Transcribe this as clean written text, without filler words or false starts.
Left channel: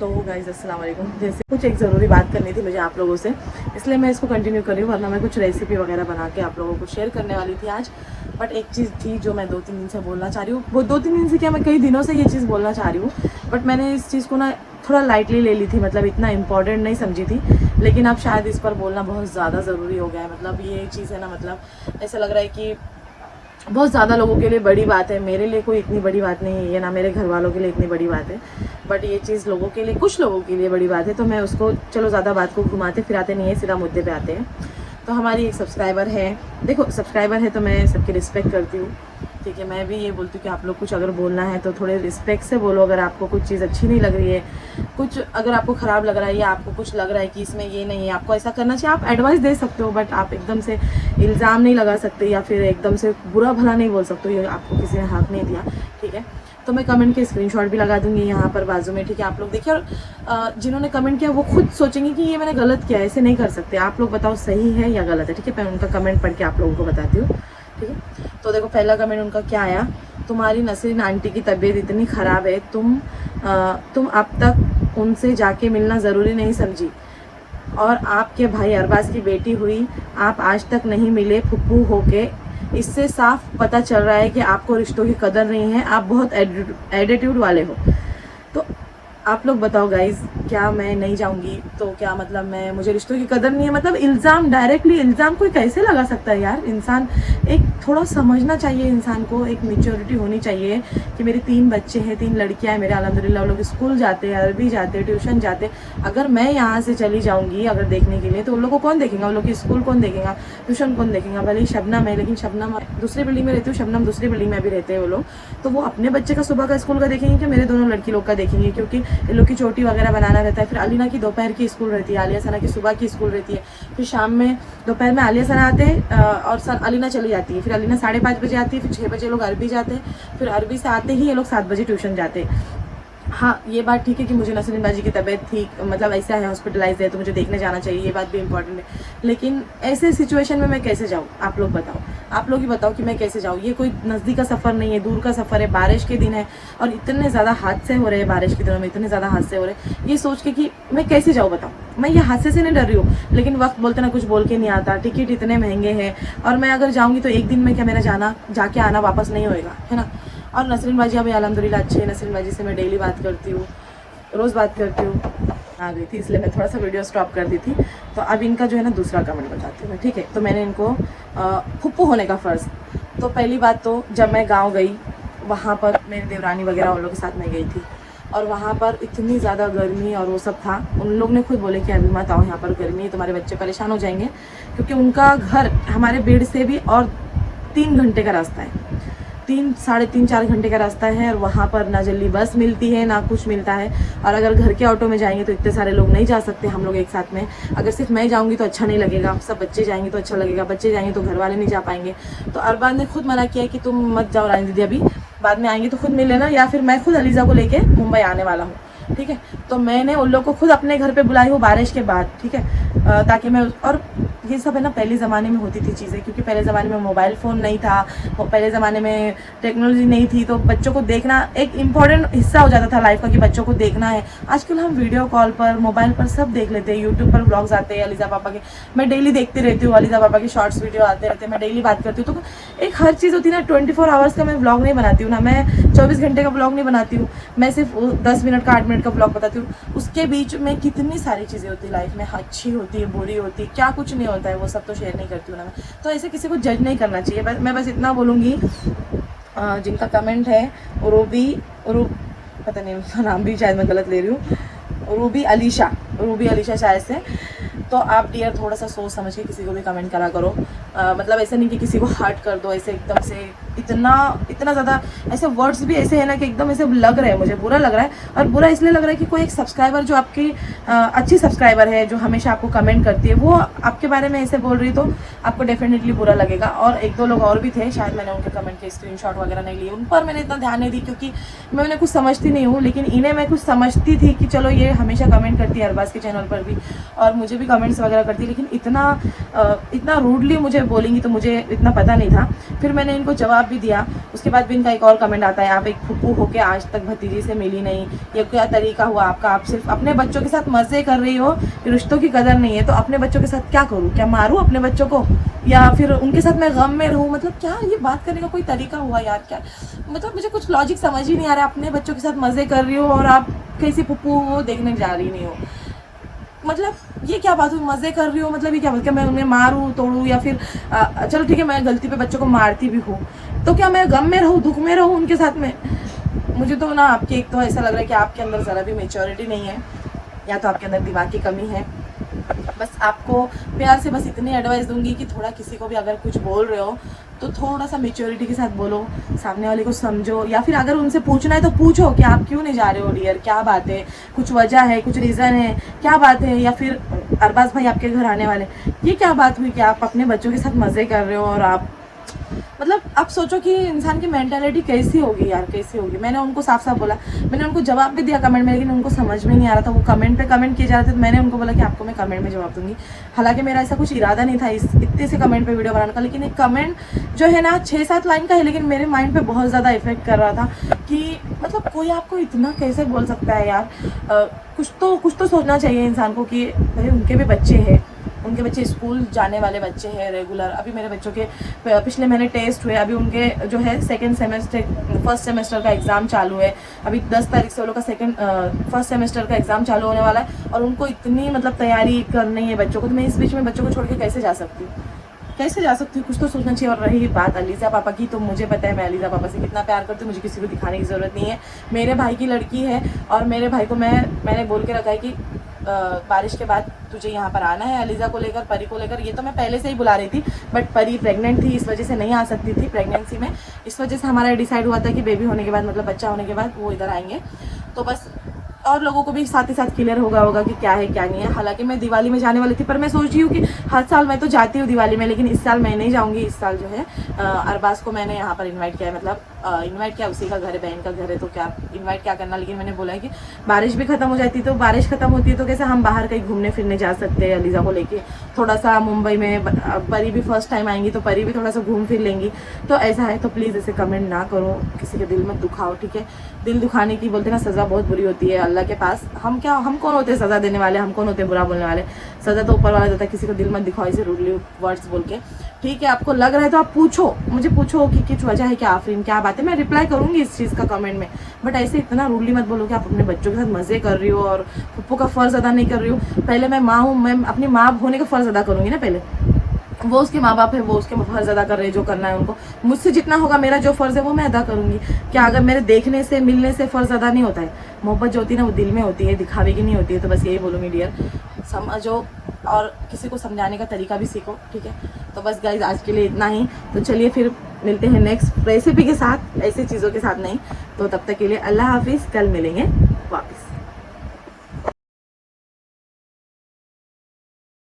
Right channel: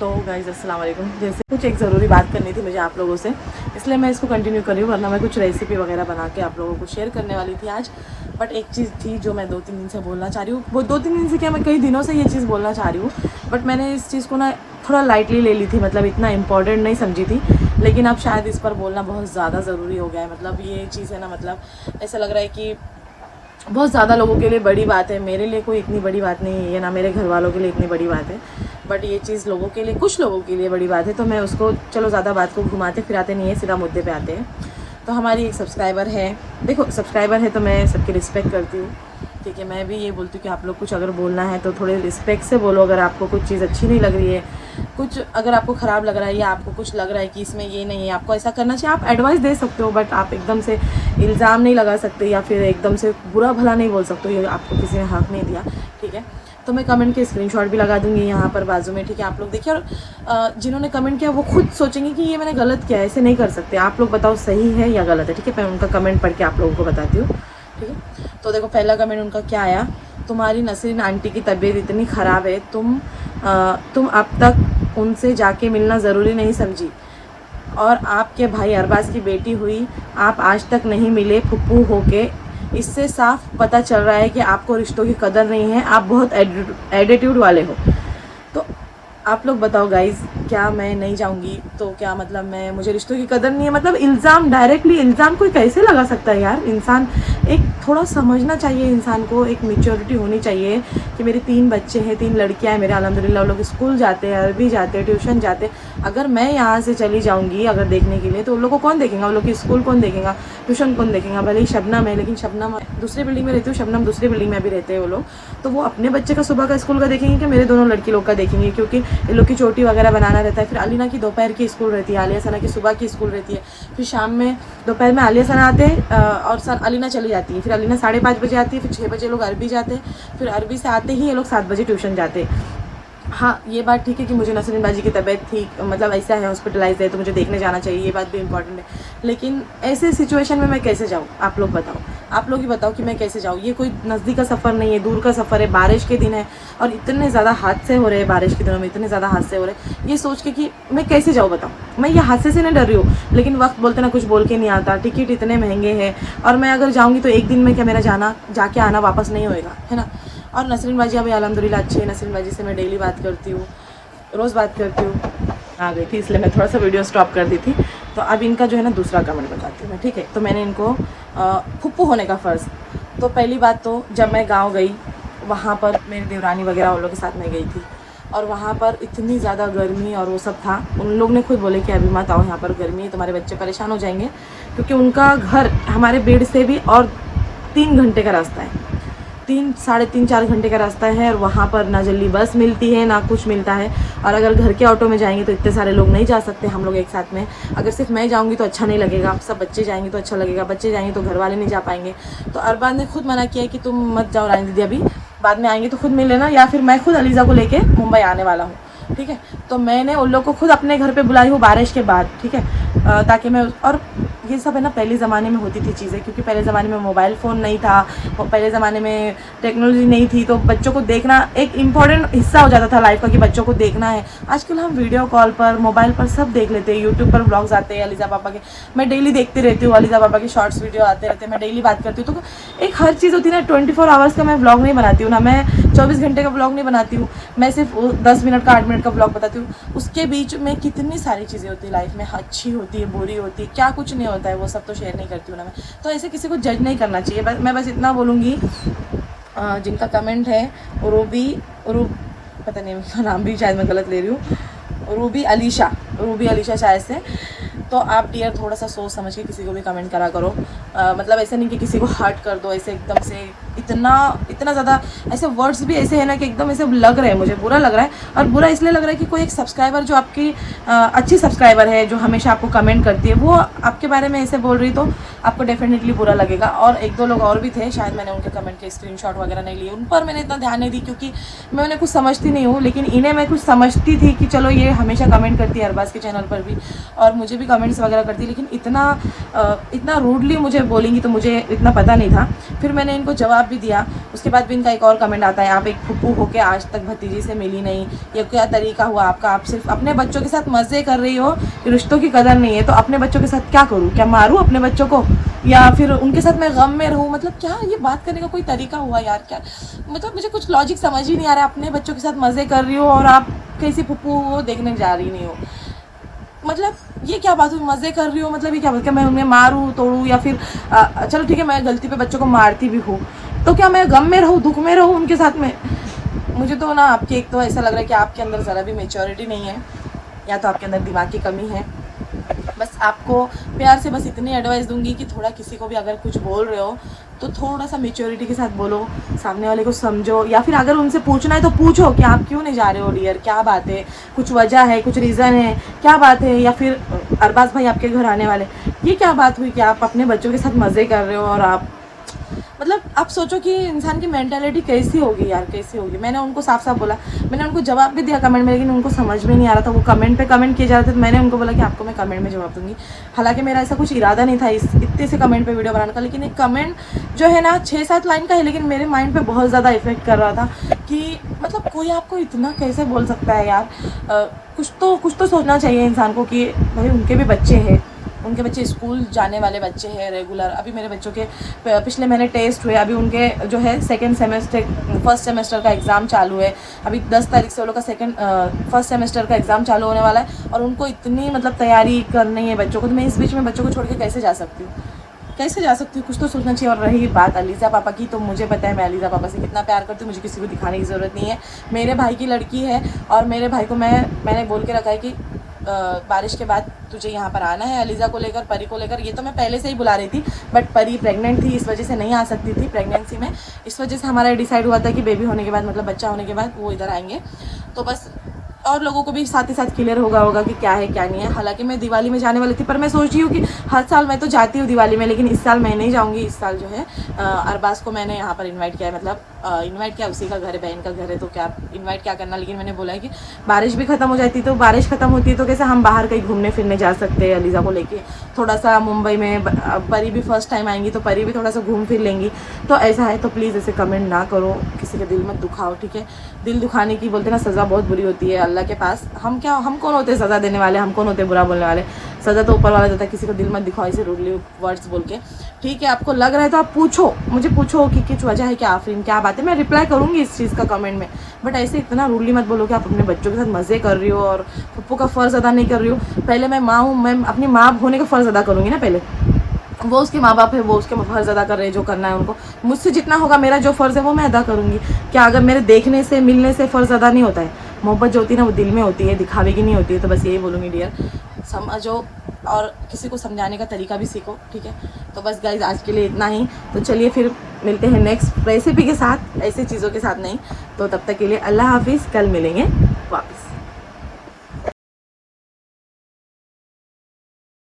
तो गाइज़ अस्सलाम वालेकुम। जैसे कुछ एक ज़रूरी बात करनी थी मुझे आप लोगों से, इसलिए मैं इसको कंटिन्यू कर रही हूँ, वरना मैं कुछ रेसिपी वगैरह बना के आप लोगों को शेयर करने वाली थी आज। बट एक चीज़ थी जो मैं 2-3 दिन से बोलना चाह रही हूँ, वो 2-3 दिन से क्या, मैं कई दिनों से ये चीज़ बोलना चाह रही हूँ, बट मैंने इस चीज़ को ना थोड़ा लाइटली ले ली थी, मतलब इतना इंपॉर्टेंट नहीं समझी थी। लेकिन अब शायद इस पर बोलना बहुत ज़्यादा ज़रूरी हो गया है। मतलब ये चीज़ है ना, मतलब ऐसा लग रहा है कि बहुत ज़्यादा लोगों के लिए बड़ी बात है, मेरे लिए कोई इतनी बड़ी बात नहीं है ये, ना मेरे घर वालों के लिए इतनी बड़ी बात है, बट ये चीज़ लोगों के लिए, कुछ लोगों के लिए बड़ी बात है। तो मैं उसको, चलो ज़्यादा बात को घुमाते फिराते नहीं है, सीधा मुद्दे पे आते हैं। तो हमारी एक सब्सक्राइबर है, देखो सब्सक्राइबर है तो मैं सबकी रिस्पेक्ट करती हूँ, ठीक है। मैं भी ये बोलती हूँ कि आप लोग कुछ अगर बोलना है तो थोड़े रिस्पेक्ट से बोलो। अगर आपको कुछ चीज़ अच्छी नहीं लग रही है, कुछ अगर आपको ख़राब लग रहा है, या आपको कुछ लग रहा है कि इसमें ये नहीं है, आपको ऐसा करना चाहिए, आप एडवाइस दे सकते हो, बट आप एकदम से इल्ज़ाम नहीं लगा सकते, या फिर एकदम से बुरा भला नहीं बोल सकते, ये आपको किसी ने हक़ नहीं दिया, ठीक है। तो मैं कमेंट के स्क्रीनशॉट भी लगा दूंगी यहाँ पर बाजू में, ठीक है। आप लोग देखिए, और जिन्होंने कमेंट किया वो खुद सोचेंगे कि ये मैंने गलत किया है, ऐसे नहीं कर सकते। आप लोग बताओ सही है या गलत है, ठीक है। मैं उनका कमेंट पढ़ के आप लोगों को बताती हूँ, ठीक है। तो देखो पहला कमेंट उनका क्या आया, तुम्हारी नसरीन आंटी की तबीयत इतनी ख़राब है, तुम अब तक उनसे जाके मिलना ज़रूरी नहीं समझी, और आपके भाई अरबाज की बेटी हुई, आप आज तक नहीं मिले फुप्पू होके। इससे साफ पता चल रहा है कि आपको रिश्तों की कदर नहीं है, आप बहुत एटीट्यूड वाले हो। तो आप लोग बताओ गाइज, क्या मैं नहीं जाऊंगी तो क्या मतलब मुझे रिश्तों की कदर नहीं है? मतलब इल्ज़ाम, डायरेक्टली इल्ज़ाम कोई कैसे लगा सकता है यार। इंसान एक थोड़ा समझना चाहिए, इंसान को एक मैच्योरिटी होनी चाहिए कि मेरे 3 बच्चे हैं, 3 लड़कियां हैं मेरे, अल्हम्दुलिल्लाह। वो लोग स्कूल जाते हैं, अरबी जाते हैं, ट्यूशन जाते हैं। अगर मैं यहाँ से चली जाऊँगी अगर देखने के लिए, तो उन लोग को कौन देखेगा? उन लोग की स्कूल कौन देखेगा? ट्यूशन कौन देखेगा? भले ही शबनम है, लेकिन शबनम दूसरी बिल्डिंग में रहती हूँ, शबनम दूसरी बिल्डिंग में भी रहते हैं वो लोग, तो वो अपने बच्चे का सुबह का स्कूल का देखेंगे कि मेरे दोनों लड़की लोग का देखेंगे? क्योंकि इन लोग की चोटी वगैरह बनाना रहता है। फिर अलीना की दोपहर की स्कूल रहती है, आलिया सना की सुबह की स्कूल रहती है, फिर शाम में, दोपहर में आलिया सना आते हैं और अलीना चली जाती है। फिर अलीना 5:30 बजे आती है, फिर 6 बजे लोग अरबी जाते हैं, फिर अरबी से आते ही ये लोग 7 बजे ट्यूशन जाते हैं। हाँ, ये बात ठीक है कि मुझे नसरीन बाजी की तबीयत ठीक, मतलब ऐसा है, हॉस्पिटलाइज है, तो मुझे देखने जाना चाहिए, ये बात भी इंपॉर्टेंट है। लेकिन ऐसे सिचुएशन में मैं कैसे जाऊँ? आप लोग बताओ, आप लोग ही बताओ कि मैं कैसे जाऊँ। ये कोई नज़दीक का सफ़र नहीं है, दूर का सफ़र है, बारिश के दिन है, और इतने ज़्यादा हादसे हो रहे हैं बारिश के दिनों में, इतने ज़्यादा हादसे हो रहे हैं। ये सोच के कि मैं कैसे जाऊँ, बताओ। मैं ये हादसे से नहीं डर रही हूँ, लेकिन वक्त बोलते ना कुछ बोल के नहीं आता, टिकट इतने महंगे हैं, और मैं अगर जाऊँगी तो एक दिन में क्या मेरा जाके आना वापस नहीं होएगा, है ना। और नसरीन बाजी अभी अल्हम्दुलिल्लाह अच्छी है, नसरीन बाजी से मैं डेली बात करती हूँ, रोज़ बात करती हूँ। आ गई थी इसलिए मैं थोड़ा सा वीडियो स्टॉप कर दी थी। तो अब इनका जो है ना दूसरा कमेंट बताती हूँ मैं, ठीक है। तो मैंने इनको फुप्पू होने का फ़र्ज़, तो पहली बात तो जब मैं गाँव गई, वहाँ पर मेरी देवरानी वगैरह उन लोग के साथ मैं गई थी, और वहाँ पर इतनी ज़्यादा गर्मी और वो सब था। उन लोग ने खुद बोले कि अभी मत आओ, यहाँ पर गर्मी है, तुम्हारे बच्चे परेशान हो जाएंगे, क्योंकि उनका घर हमारे बेड से भी और 3 घंटे का रास्ता है, 3, 3.5, 4 घंटे का रास्ता है, और वहाँ पर ना जल्दी बस मिलती है ना कुछ मिलता है। और अगर घर के ऑटो में जाएंगे तो इतने सारे लोग नहीं जा सकते हम लोग एक साथ में। अगर सिर्फ मैं जाऊँगी तो अच्छा नहीं लगेगा, सब बच्चे जाएंगे तो अच्छा लगेगा, बच्चे जाएंगे तो घर वाले नहीं जा पाएंगे। तो अरबाज ने खुद मना किया कि तुम मत जाओ रानी दीदी, अभी बाद में आएंगे तो खुद मिल लेना, या फिर मैं खुद अलीज़ा को लेके मुंबई आने वाला हूँ, ठीक है। तो मैंने उन लोग को खुद अपने घर पे बुलाई हूँ बारिश के बाद, ठीक है, ताकि मैं, और ये सब है ना पहले ज़माने में होती थी चीज़ें, क्योंकि पहले ज़माने में मोबाइल फ़ोन नहीं था, और पहले ज़माने में टेक्नोलॉजी नहीं थी, तो बच्चों को देखना एक इम्पॉर्टेंट हिस्सा हो जाता था लाइफ का कि बच्चों को देखना है। आजकल हम वीडियो कॉल पर, मोबाइल पर सब देख लेते हैं, यूट्यूब पर ब्लॉग्स आते हैं अलीज़ा पापा के, मैं डेली देखती रहती हूँ, अलीज़ा पापा के शॉर्ट्स वीडियो आते रहते हैं, मैं डेली बात करती हूँ। तो एक हर चीज़ होती है ना, 24 आवर्स का मैं ब्लॉग नहीं बनाती हूँ ना, मैं 24 घंटे का ब्लॉग नहीं बनाती हूँ, मैं सिर्फ 10 मिनट का 8 मिनट का ब्लॉग बताती हूँ। उसके बीच में कितनी सारी चीज़ें होती है लाइफ में, अच्छी होती है, बुरी होती है, क्या कुछ नहीं होता है, वो सब तो शेयर नहीं करती हूँ ना मैं। तो ऐसे किसी को जज नहीं करना चाहिए। मैं बस इतना बोलूँगी, जिनका कमेंट है पता नहीं उनका नाम भी शायद मैं गलत ले रही हूँ, रूबी अलीशा शायद से, तो आप डियर थोड़ा सा सोच समझ के किसी को भी कमेंट करा करो। मतलब ऐसा नहीं कि किसी को हर्ट कर दो ऐसे एकदम से, इतना ज़्यादा ऐसे वर्ड्स भी ऐसे है ना कि एकदम ऐसे लग रहे हैं, मुझे बुरा लग रहा है। और बुरा इसलिए लग रहा है कि कोई एक सब्सक्राइबर जो आपकी अच्छी सब्सक्राइबर है, जो हमेशा आपको कमेंट करती है, वो आपके बारे में ऐसे बोल रही, तो आपको डेफिनेटली बुरा लगेगा। और 1-2 लोग और भी थे, शायद मैंने उनके कमेंट के स्क्रीनशॉट वगैरह नहीं लिए, उन पर मैंने इतना ध्यान नहीं दी, क्योंकि मैंने कुछ समझती नहीं हूँ। लेकिन इन्हें मैं कुछ समझती थी कि चलो ये हमेशा कमेंट करती है अरबाज के चैनल पर भी, और मुझे भी कमेंट्स वगैरह करती है, लेकिन इतना रूडली मुझे बोलेंगी तो मुझे इतना पता नहीं था। फिर मैंने इनको जवाब भी दिया, उसके बाद भी इनका एक और कमेंट आता है, आप एक फुप्पू होके आज तक भतीजी से मिली नहीं, ये क्या तरीका हुआ आपका, आप सिर्फ अपने बच्चों के साथ मज़े कर रही हो, रिश्तों की कदर नहीं है। तो अपने बच्चों के साथ क्या करूँ, क्या मारूँ अपने बच्चों को, या फिर उनके साथ मैं गम में रहूँ? मतलब क्या ये बात करने का कोई तरीका हुआ यार? क्या मतलब मुझे कुछ लॉजिक समझ ही नहीं आ रहा। अपने बच्चों के साथ मज़े कर रही हो और आप कैसी फुप्पू वो देखने जा रही नहीं हो, मतलब ये क्या बात हुई? मज़े कर रही हो मतलब ये क्या बोल के मैं उन्हें मारूँ तोड़ूँ, या फिर चलो ठीक है मैं गलती पे बच्चों को मारती भी हूँ, तो क्या मैं गम में रहूँ, दुख में रहूँ उनके साथ में? मुझे तो ना आपके एक तो ऐसा लग रहा है कि आपके अंदर ज़रा भी मेच्योरिटी नहीं है, या तो आपके अंदर दिमाग की कमी है। बस आपको प्यार से बस इतनी एडवाइस दूंगी कि थोड़ा किसी को भी अगर कुछ बोल रहे हो तो थोड़ा सा मेच्योरिटी के साथ बोलो, सामने वाले को समझो, या फिर अगर उनसे पूछना है तो पूछो कि आप क्यों नहीं जा रहे हो डियर, क्या बात है, कुछ वजह है, कुछ रीज़न है, क्या बात है। या फिर अरबाज भाई आपके घर आने वाले, ये क्या बात हुई कि आप अपने बच्चों के साथ मज़े कर रहे हो, और आप मतलब आप सोचो कि इंसान की मेंटालिटी कैसी होगी यार, कैसी होगी। मैंने उनको साफ साफ बोला, मैंने उनको जवाब भी दिया कमेंट में, लेकिन उनको समझ में नहीं आ रहा था, वो कमेंट पे कमेंट किए जा रहे थे। तो मैंने उनको बोला कि आपको मैं कमेंट में जवाब दूंगी। हालांकि मेरा ऐसा कुछ इरादा नहीं था इस इतने से कमेंट पे वीडियो बनाने का, लेकिन एक कमेंट जो है ना 6-7 लाइन का है, लेकिन मेरे माइंड पे बहुत ज़्यादा इफेक्ट कर रहा था कि मतलब कोई आपको इतना कैसे बोल सकता है यार। कुछ तो सोचना चाहिए इंसान को कि भाई उनके भी बच्चे हैं, उनके बच्चे स्कूल जाने वाले बच्चे हैं रेगुलर। अभी मेरे बच्चों के पिछले महीने टेस्ट हुए, अभी उनके जो है फर्स्ट सेमेस्टर का एग्ज़ाम चालू है। अभी 10 तारीख से वो लोग का फर्स्ट सेमेस्टर का एग्ज़ाम चालू होने वाला है, और उनको इतनी मतलब तैयारी करनी है बच्चों को। तो मैं इस बीच में बच्चों को छोड़ के कैसे जा सकती हूँ, कैसे जा सकती हूँ? कुछ तो सोचना चाहिए। और रही बात अलीज़ा पापा की, तो मुझे पता है मैं अलीज़ा पापा से कितना प्यार करती हूँ, मुझे किसी को दिखाने की ज़रूरत नहीं है। मेरे भाई की लड़की है, और मेरे भाई को मैंने बोल के रखा है कि बारिश के बाद तुझे यहाँ पर आना है अलीज़ा को लेकर, परी को लेकर। ये तो मैं पहले से ही बुला रही थी, बट परी प्रेग्नेंट थी, इस वजह से नहीं आ सकती थी प्रेगनेंसी में। इस वजह से हमारा डिसाइड हुआ था कि बेबी होने के बाद, मतलब बच्चा होने के बाद वो इधर आएंगे। तो बस और लोगों को भी साथ ही साथ क्लियर होगा कि क्या है क्या नहीं है। हालांकि मैं दिवाली में जाने वाली थी, पर मैं सोच रही हूँ कि हर साल मैं तो जाती हूँ दिवाली में, लेकिन इस साल मैं नहीं जाऊँगी। इस साल जो है अरबाज को मैंने यहाँ पर इन्वाइट किया है, मतलब इन्वाइट किया, उसी का घर है, बहन का घर है, तो क्या इन्वाइट क्या करना। लेकिन मैंने बोला है कि बारिश भी ख़त्म हो जाती, तो बारिश ख़त्म होती है तो कैसे हम बाहर कहीं घूमने फिरने जा सकते हैं अलीज़ा को लेके, थोड़ा सा मुंबई में। परी भी फर्स्ट टाइम आएंगी तो परी भी थोड़ा सा घूम फिर लेंगी। तो ऐसा है, तो प्लीज़ ऐसे कमेंट ना करो, किसी के दिल मत दुखाओ, ठीक है। दिल दुखाने की बोलते ना सज़ा बहुत बुरी होती है अल्लाह के पास। हम कौन होते हैं सज़ा देने वाले, हम कौन होते हैं बुरा बोलने वाले। सज़ा तो ऊपर वाला देता है, किसी को दिल मत दिखाओ ऐसे रूडली वर्ड्स बोल के, ठीक है। आपको लग रहा है तो आप पूछो, मुझे पूछो कि कुछ वजह है क्या आफरीन, क्या बात है, मैं रिप्लाई करूँगी इस चीज़ का कमेंट में। बट ऐसे इतना रूडली मत बोलो कि आप अपने बच्चों के साथ मज़े कर रही हो और पप्पू का फ़र्ज़ अदा नहीं कर रही हो। पहले मैं माँ हूँ, मैं अपनी माँ होने का फ़र्ज़ अदा करूँगी ना। पहले वो उसके माँ बाप है, वो उसके फ़र्ज़ अदा कर रहे हैं, जो करना है उनको। मुझसे जितना होगा, मेरा जो फ़र्ज़ है वो मैं अदा करूँगी। क्या अगर मेरे देखने से मिलने से फ़र्ज़ अदा नहीं होता है? मोहब्बत जो होती है ना वो दिल में होती है, दिखावे की नहीं होती है। तो बस यही बोलूँगी डियर, समझो और किसी को समझाने का तरीका भी सीखो, ठीक है। तो बस गाइज आज के लिए इतना ही। तो चलिए फिर मिलते हैं नेक्स्ट रेसिपी के साथ, ऐसी चीज़ों के साथ नहीं। तो तब तक के लिए अल्लाह हाफिज़, कल मिलेंगे वापस।